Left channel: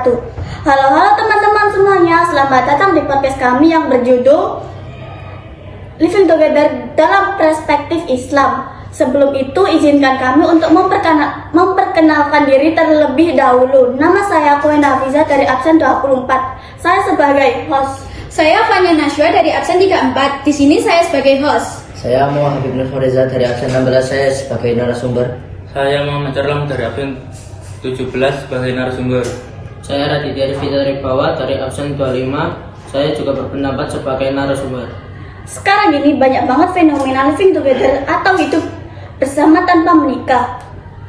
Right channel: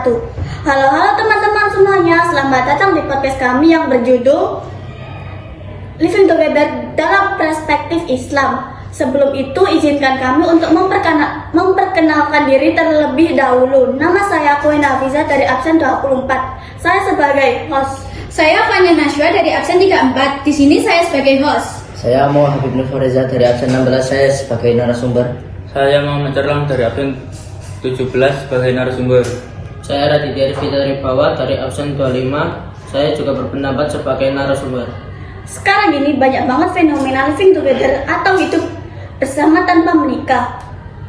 wabarakatuh. Halo teman-teman semuanya, selamat datang di podcast kami yang berjudul Living Together dalam Perspektif Islam. Sebelum itu, izinkan kami untuk memperkenalkan diri terlebih dahulu. Nama saya Koen Hafiza dari absen 24. Saya sebagai host. Saya Fanya Naswa dari absen 34. Di sini saya sebagai host. Saya Muhammad Nur Fariza dari absen 16, saya sebagai narasumber. Saya Muhammad Erlang dari absen 17 sebagai narasumber. Saya Raditya Rifita dari Bawah dari absen 25. Saya juga berpendapat sebagai narasumber. Sekarang ini banyak banget fenomena living together atau hidup bersama tanpa menikah.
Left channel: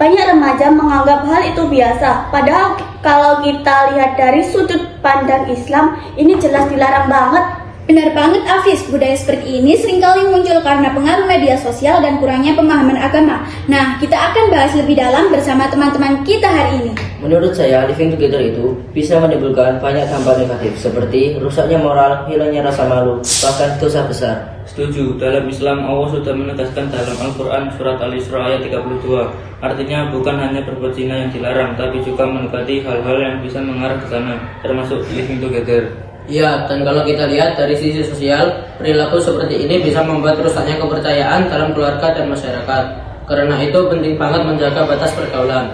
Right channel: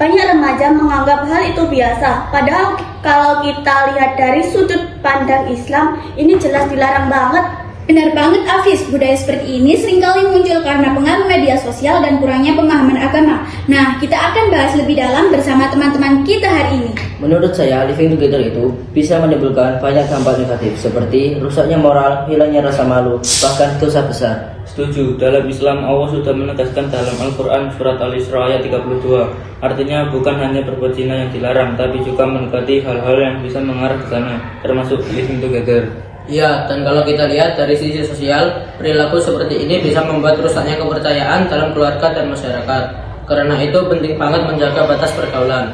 Banyak remaja menganggap hal itu biasa. Padahal kalau kita lihat dari sudut pandang Islam, ini jelas dilarang banget. Benar banget Afis, budaya seperti ini seringkali muncul karena pengaruh media sosial dan kurangnya pemahaman agama. Nah, kita akan bahas lebih dalam bersama teman-teman kita hari ini. Menurut saya, living together itu bisa menimbulkan banyak dampak negatif seperti rusaknya moral, hilangnya rasa malu, bahkan dosa besar. Setuju, dalam Islam Allah sudah menegaskan dalam Al-Quran surat Al-Isra ayat 32. Artinya bukan hanya berbuat zina yang dilarang, tapi juga mendekati hal-hal yang bisa mengarah ke sana, termasuk living together. Ya, dan kalau kita lihat dari sisi sosial, perilaku seperti ini bisa membuat rusaknya kepercayaan dalam keluarga dan masyarakat. Karena itu penting banget menjaga batas pergaulan.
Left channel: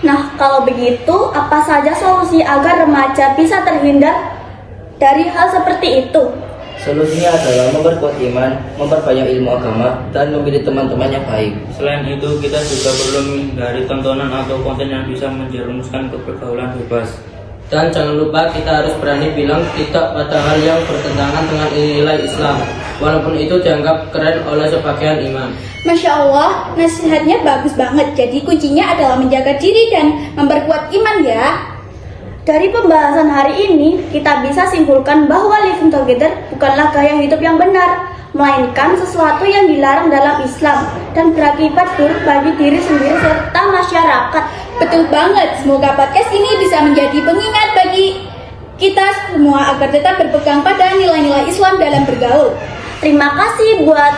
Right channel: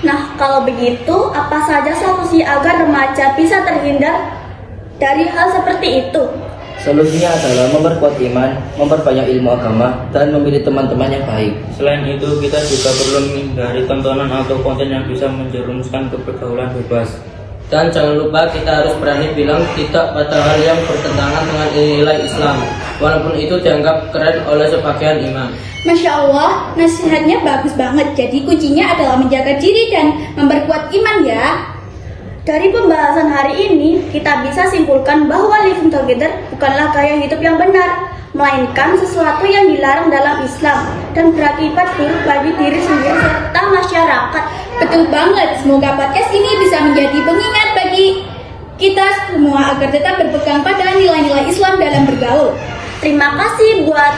Nah, kalau begitu, apa saja solusi agar remaja bisa terhindar dari hal seperti itu? Solusinya adalah memperkuat iman, memperbanyak ilmu agama, dan memilih teman-teman yang baik. Selain itu, kita juga perlu menghindari tontonan atau konten yang bisa menjerumuskan ke pergaulan bebas. Dan jangan lupa kita harus berani bilang tidak pada hal yang bertentangan dengan nilai Islam, walaupun itu dianggap keren oleh sebagian imam. Masya Allah, nasihatnya bagus banget. Jadi kuncinya adalah menjaga diri dan memperkuat iman ya. Dari pembahasan hari ini, kita bisa simpulkan bahwa living together bukanlah gaya hidup yang benar, melainkan sesuatu yang dilarang dalam Islam dan berakibat buruk bagi diri sendiri serta masyarakat. Betul banget, semoga podcast ini bisa menjadi pengingat bagi kita semua agar tetap berpegang pada nilai-nilai Islam dalam bergaul. Terima kasih buat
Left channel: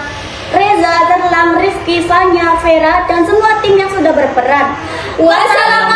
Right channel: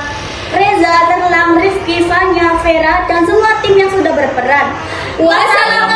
Reza, Erlang, Rizky, Fanya, Vera, dan semua tim yang sudah berperan. Wassalamualaikum.